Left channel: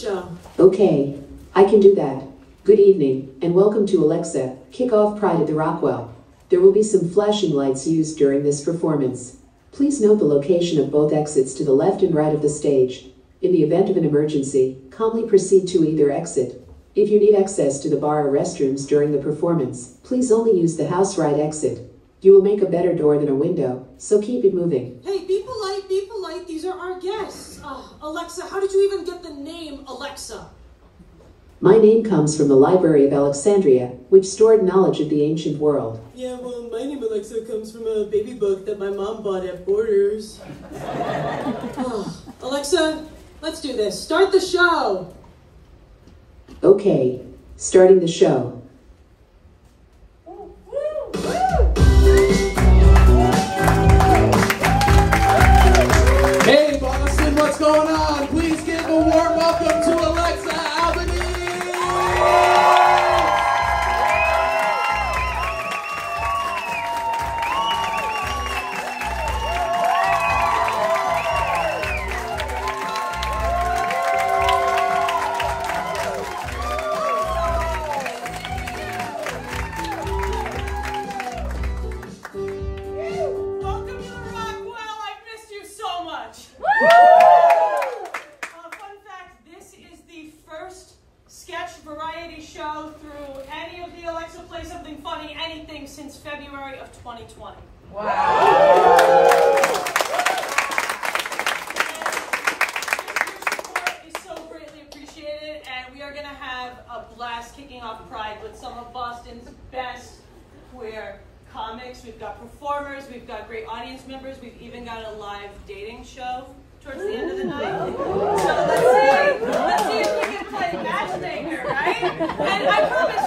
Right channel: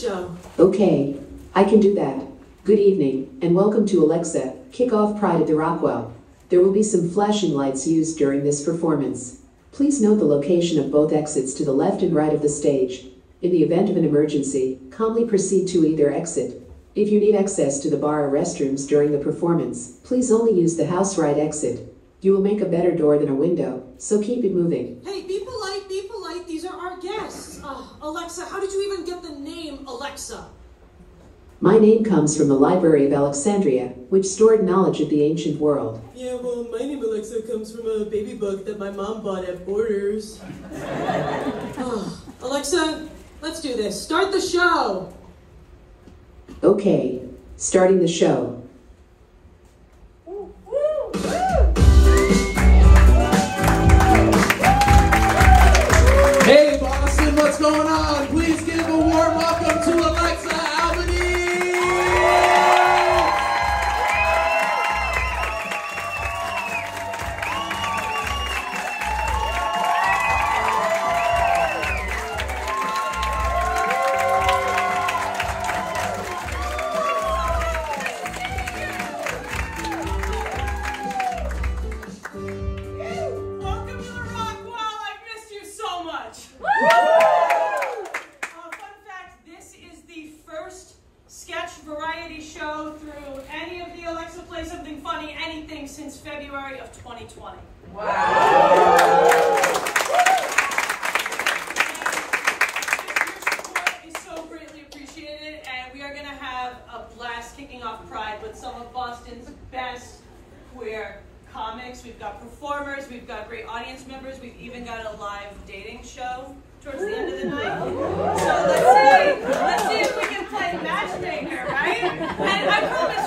show. Okay, I can do that. Good evening, and welcome to Alexa, Kick Off Pride at the Rockwell. There will be some flashing lights used during this performance. Please note the location of both exits to the left and right of the stage. In the event of an emergency, calmly proceed to either exit. If you need access to the bar or restrooms during the performance, please only use the house right exit. You will make a better door than a window, so keep it moving. Hey, be polite, be polite. These are our guests. Alexa, how did you even get the name Alexa? My name comes from the Library of Alexandria, which stored knowledge of the ancient world. Yeah, well, my name Alexa comes from a baby book that my mom bought at Borders. Alexa, let's do this. Start the show. Okay, starting the show. Hey Boston, what's going on? Please give a warm welcome to Alexa Albany! Welcome to the Rockwell. I missed you so much. Fun fact, this is the first sketch variety show through any of the Alexa Play Something Funny anything since February of 2020. Wow. Your support is so greatly appreciated, and we are going to have a blast kicking off Pride with some of Boston's best queer comics. We've got performers, we've got great audience members, we've even got a live dating show towards the end of the night. So let's see if we can play matchmaker, right? And I promise,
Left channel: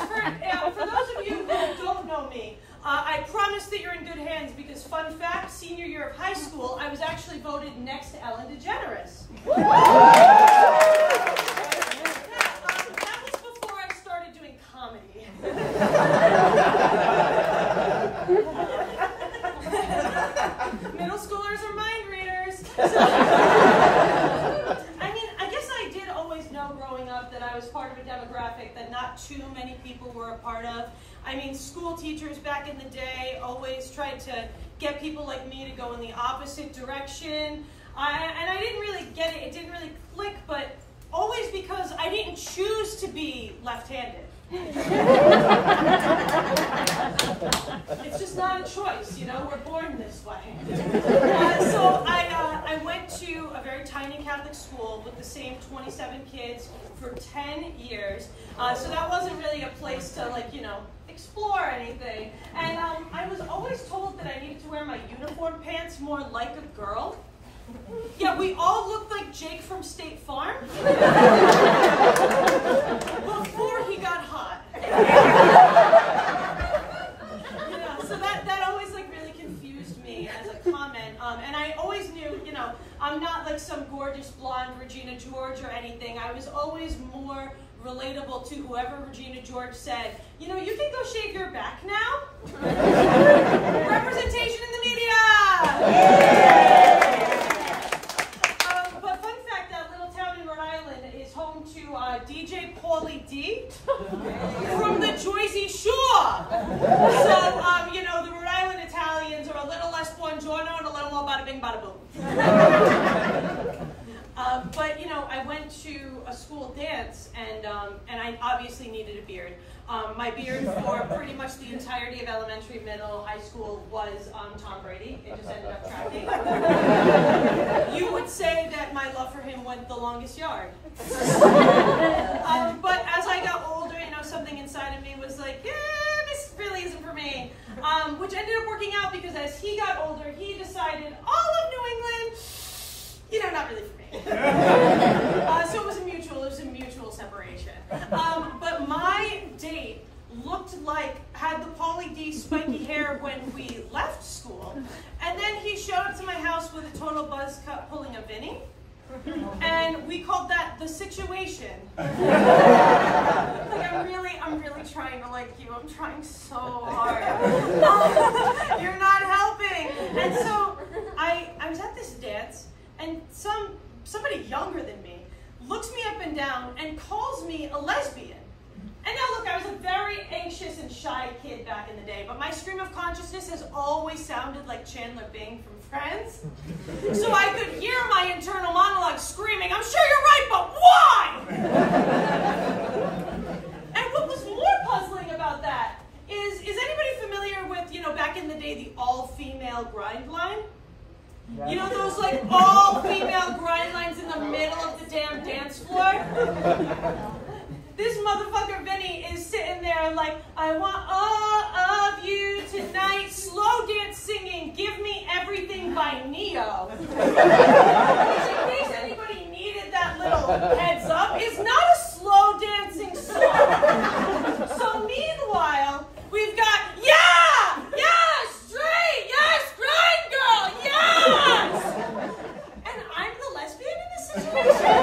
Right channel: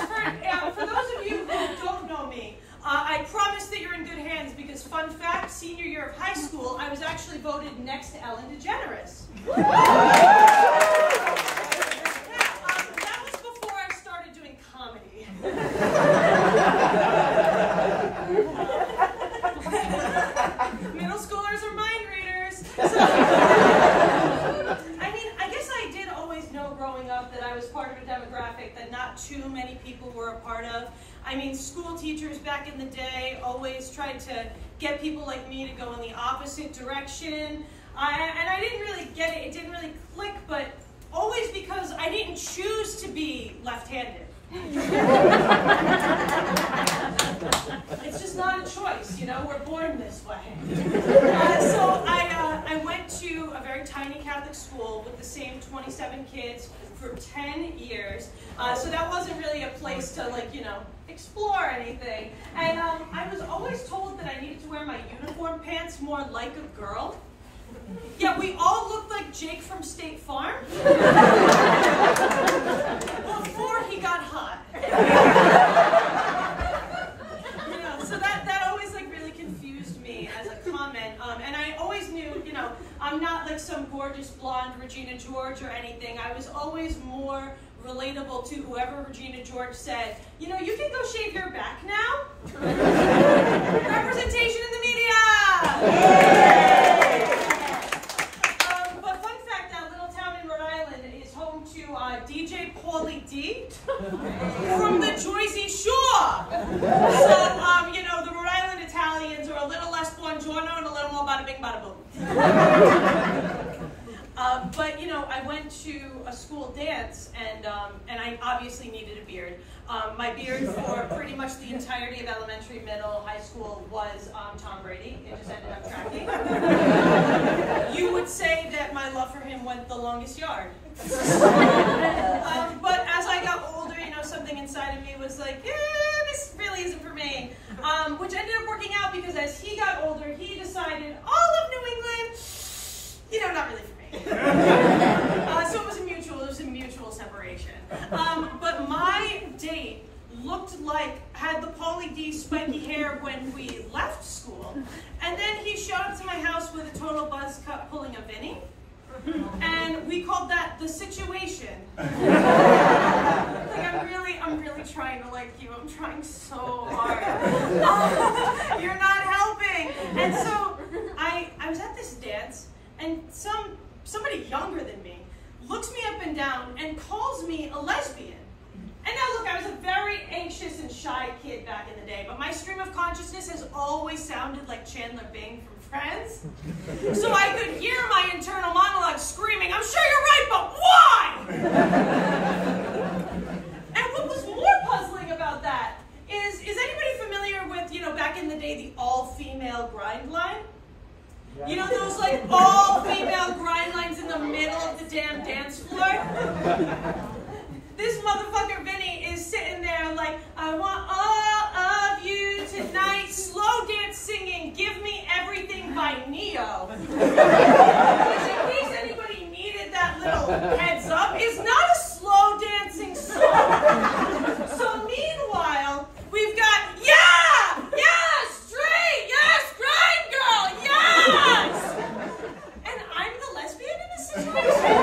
for those of you who don't know me, I promise that you're in good hands because, fun fact, senior year of high school, I was actually voted next to Ellen DeGeneres. That was before I started doing comedy. Middle schoolers are mind readers. So, I mean, I guess I did always know growing up that I was part of a demographic that not too many people were a part of. I mean, school teachers back in the day always tried to get people like me to go in the opposite direction. And I didn't really get it. It didn't really click, but always because I didn't choose to be left-handed. It's just not a choice, you know, we're born this way. So I went to a very tiny Catholic school with the same 27 kids for 10 years. So that wasn't really a place to, like, you know, explore anything. And I was always told that I needed to wear my uniform pants more like a girl. Yeah, we all looked like Jake from State Farm before he got hot. You know, so that always like really confused me as a comment. And I always knew, you know, I'm not like some gorgeous blonde Regina George or anything. I was always more relatable to whoever Regina George said, you know, you can go shave your back now. Representation in the media! But fun fact, that little town in Rhode Island is home to DJ Pauly D from the Jersey Shore. So, you know, the Rhode Island Italians are a little less buongiorno and a little more bada bing, bada boom. But, you know, I went to a school dance, and I obviously needed a beard. My beard for pretty much the entirety of elementary, middle, high school was Tom Brady. It just ended up tracking. You would say that my love for him went the longest yard. But as I got older, you know, something inside of me was like, this really isn't for me. Which ended up working out because as he got older, he decided all of New England, you know, not really for me. So it was a mutual separation. But my date looked like, had the Pauly D spiky hair when we left school. And then he showed up to my house with a total buzz cut pulling a Vinny. And we called that the situation. Like, I'm really trying to like you. I'm trying so hard. You're not helping. And so I was at this dance, and somebody younger than me looks me up and man down and calls me a lesbian. And now look, I was a very anxious and shy kid back in the day, but my stream of consciousness has always sounded like Chandler Bing from Friends. So I could hear my internal monologue screaming, I'm sure you're right, but why? And what was more puzzling about that is anybody familiar with, back in the day, the all-female grind line? You know those like all-female grind lines in the middle of the damn dance floor? This motherfucker Vinny is sitting there like, I want all of you tonight, slow dance singing, Give Me Everything by Neo. Which, in case anybody needed that little heads up, is not a slow dancing song. So meanwhile, we've got, yeah, straight, yes, grind girl, yes! And I'm the lesbian in this situation?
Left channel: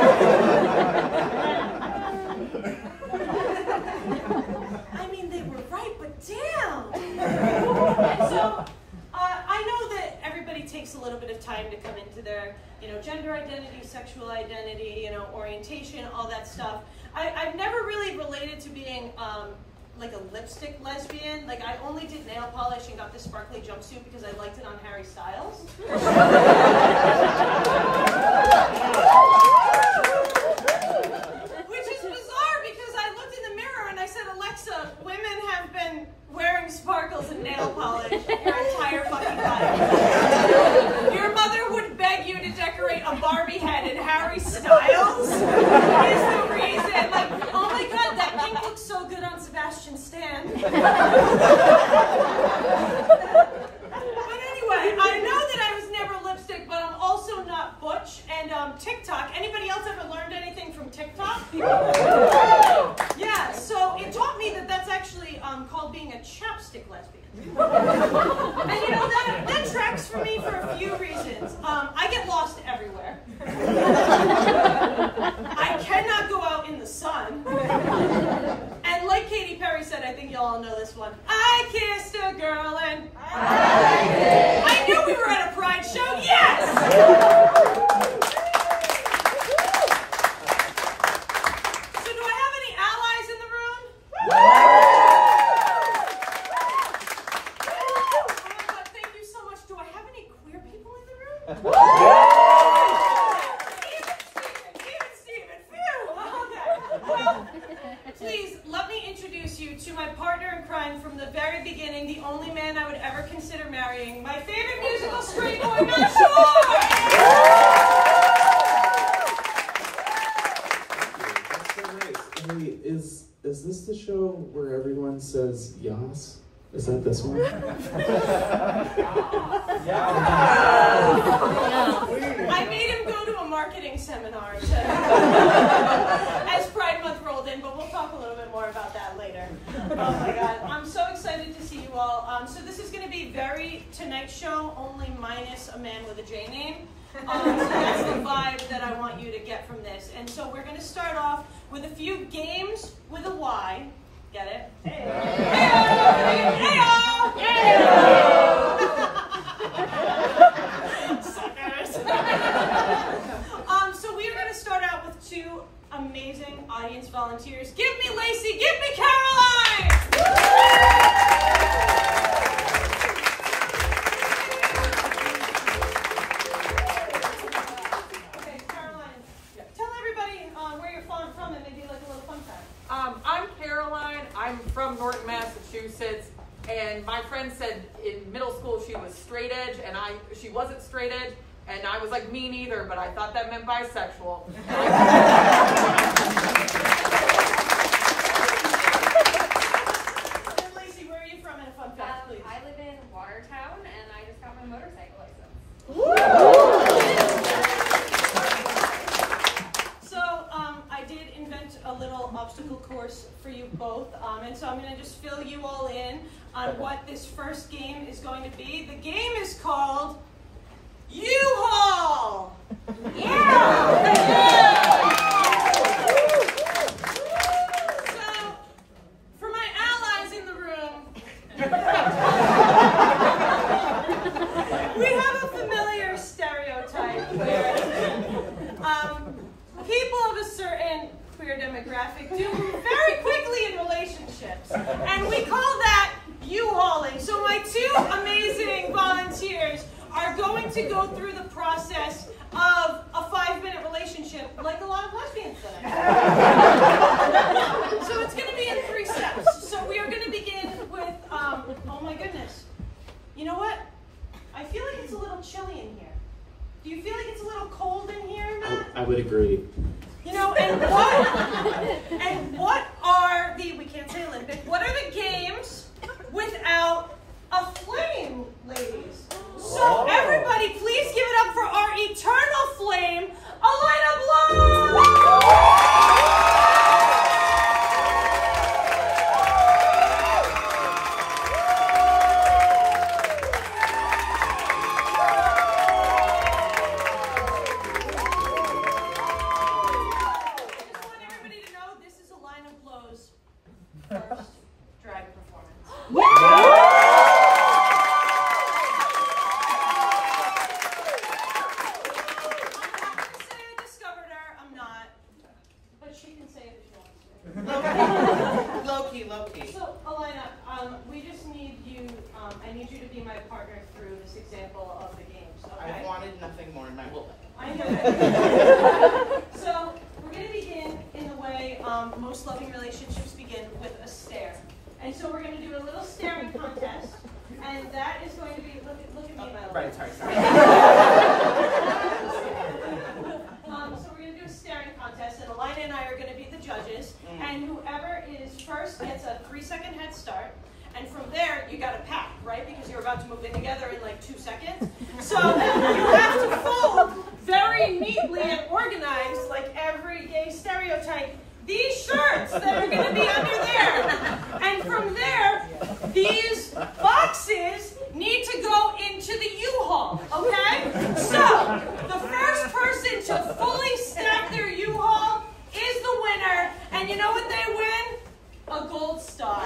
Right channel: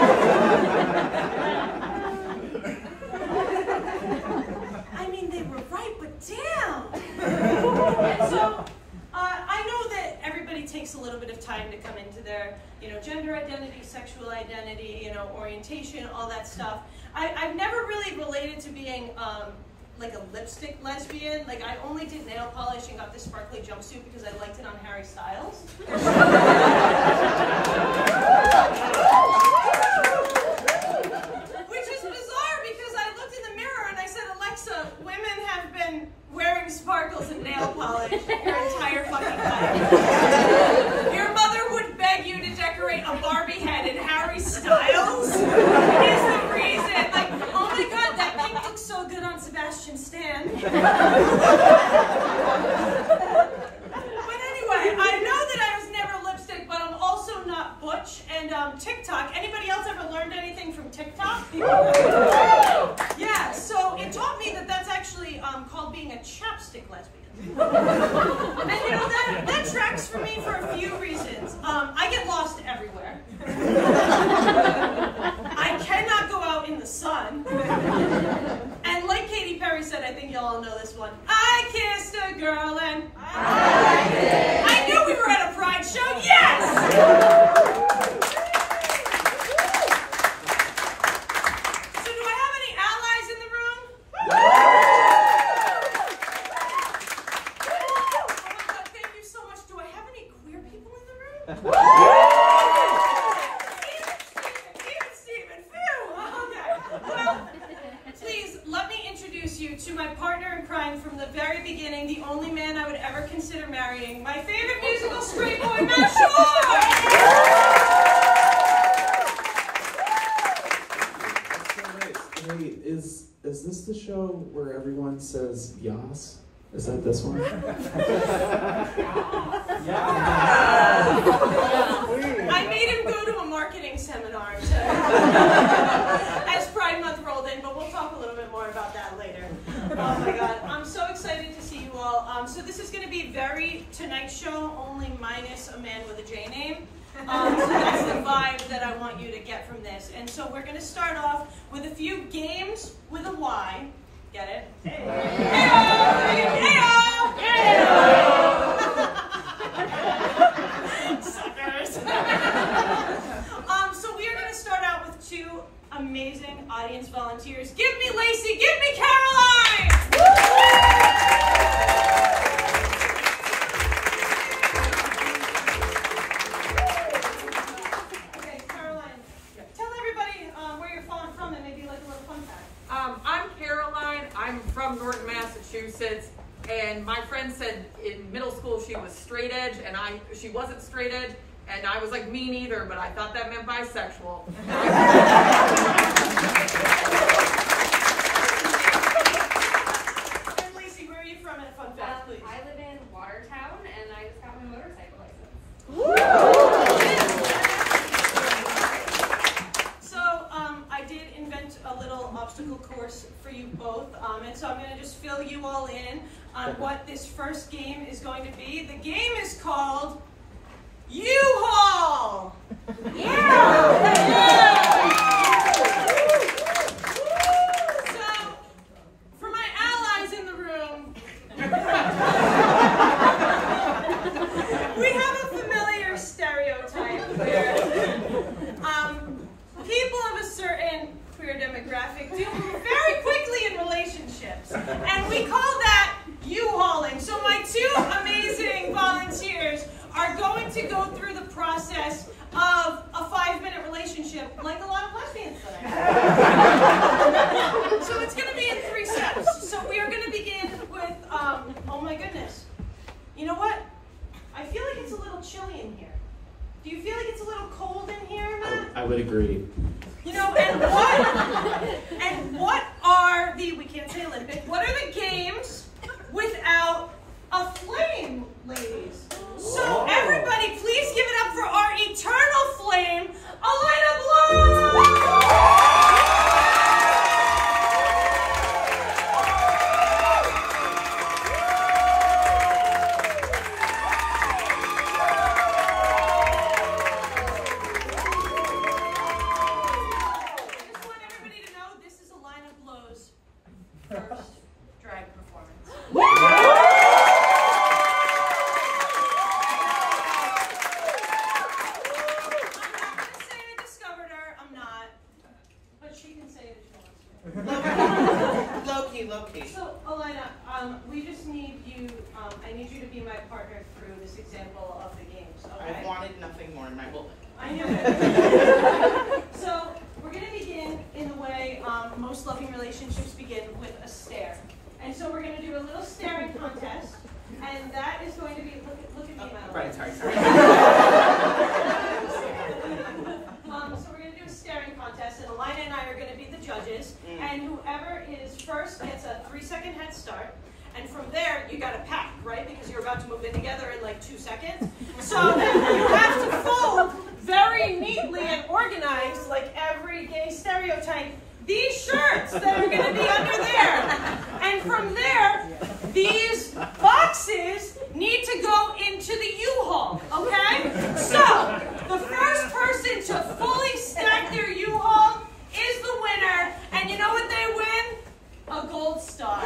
I mean, they were right, but damn! And so, I know that everybody takes a little bit of time to come into their, gender identity, sexual identity, orientation, all that stuff. I've never really related to being, like a lipstick lesbian. Like, I only did nail polish and got this sparkly jumpsuit because I liked it on Harry Styles. Which is bizarre because I looked in the mirror and I said, Alexa, women have been wearing sparkles and nail polish your entire fucking life. Your mother would beg you to decorate a Barbie head in Harry Styles is the reason. Like, oh my god, that pink looks so good on Sebastian Stan. But anyway, I know that I was never lipstick, but I'm also not butch. And TikTok, anybody else ever learned anything from TikTok? Yeah, so it taught me that that's actually called being a chapstick lesbian. And that tracks for me for a few reasons. I get lost everywhere. I cannot go out in the sun. And like Katy Perry said, I think y'all know this one. I kissed a girl and I knew we were at a Pride show. Yes! So do I have any allies in the room? Oh my god, thank you so much. Do I have any queer people in the room? Steven, phew! Okay. Well, please, let me introduce you to my partner in crime from the very beginning, the only man I would ever consider marrying, my favorite musical straight boy, Matt Shore! That's so great. Hey, is this the show where everyone says yas? Is that this one? I made him go to a marketing seminar as Pride Month rolled in, but we'll talk a little bit more about that later. Oh my god, I'm so excited to see you all. So this is going to be very Tonight Show, only minus a man with a J name. So that's the vibe that I want you to get from this. And so we're going to start off with a few games with a Y. Get it? Hey-o! Hey-o! So nervous. So we are going to start out with two amazing audience volunteers. Give me Lacey, give me Caroline! Okay, Caroline, tell everybody where you're from and maybe like a little fun fact. I'm Caroline. I'm from Norton, Massachusetts, and my friend said in middle school she was straight edge, and she wasn't straight edge, and I was like, me neither, but I thought that meant bisexual. And Lacey, where are you from? And a fun fact, please. I live in Watertown, and I just got my motorcycle license. So I did invent a little obstacle course for you both, and so I'm going to just fill you all in on what this first game is going to be. The game is called UHaul! So, for my allies in the room, we have a familiar stereotype here. People of a certain certain queer demographic do move very quickly in relationships. And we call that UHauling. So my two amazing volunteers are going to go through the process of a 5-minute relationship, like a lot of lesbians that I have. So it's going to be in 3 steps. So we are going to begin with, oh my goodness. You know what? I feel like it's a little chilly in here. Do you feel like it's a little cold in here, Matt? I would agree. You know, and what are the, we can't say Olympic, what are the games without a flame, ladies? So everybody, please give it up for our eternal flame, Elena Bloom! First drag performance. I'm not going to say I discovered her. I'm not. But she can say it if she wants to. Low key. So, Elena, we just need you, I need you to be my partner through this example of the games, okay? I wanted nothing more in my life. I knew it. So, we're going to begin in the way most loving relationships begin, with a stare. And so we're going to do a little staring contest, and that is going to be, look at me, my love. Right, sorry. So we're going to do a staring contest, and Elena and I are going to be the judges, and whoever is first gets a 3-second head start. And from there, you got to pack, right? Because you're about to move in together in like 2 seconds. So you have to fold very neatly and organized, like every gay stereotype, these shirts that are going to be under there. And from there, these boxes need to go into the U-Haul, okay? So the first person to fully stack their U-Haul is the winner. And you know what they win? A gold star.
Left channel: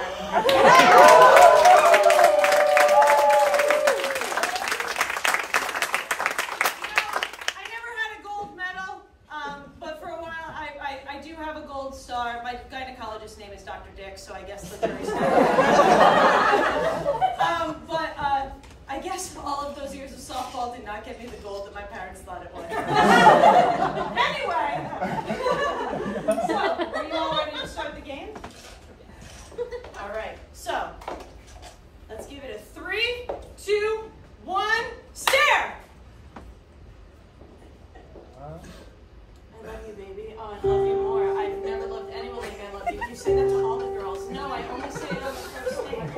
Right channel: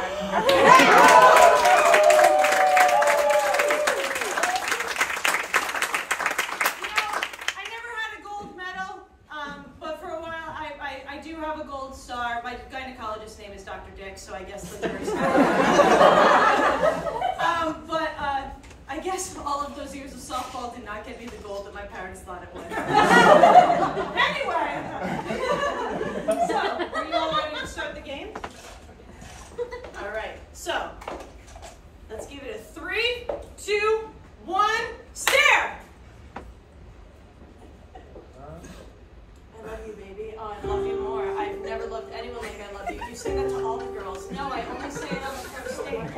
I do have a gold star. My gynecologist's name is Dr. Dick, so I guess the jury's still but I guess all of those years of softball did not get me the gold that my parents thought it would. Anyway, so are you all ready to start the game? All right, so let's give it a 3, 2, 1, stare! I love you, baby. Oh, I love you more. I've never loved anyone like I love you. You say that to all the girls. No, I only say it on the first date.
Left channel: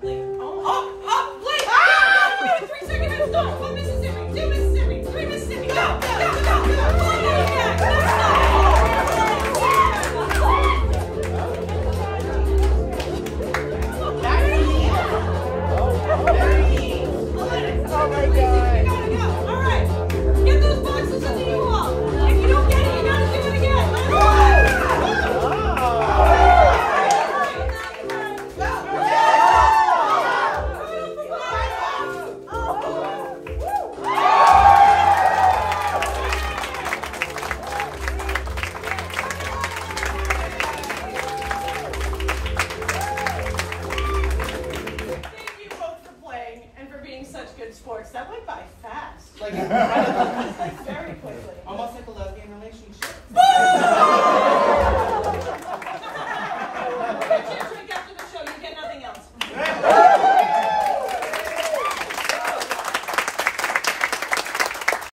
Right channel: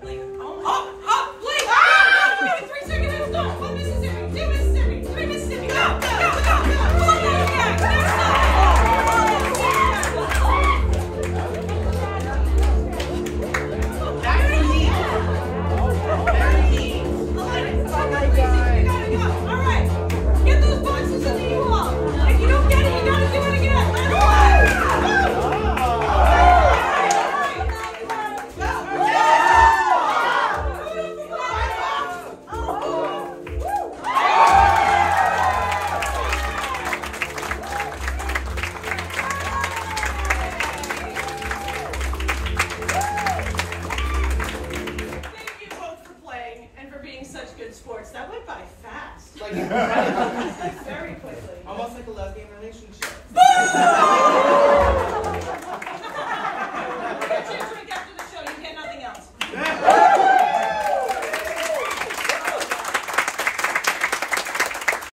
Blake. Oh, Blake! Ah! No, 3-second head start. 1 Mississippi, 2 Mississippi, 3 Mississippi. Go! Pull it back. Next stop. Very neat. Very neat. Oh my God. All right. Get those boxes in the U-Haul. If you don't get it, you gotta do it again. That's Thank you both for playing and for being such good sports. That went by fast. Like,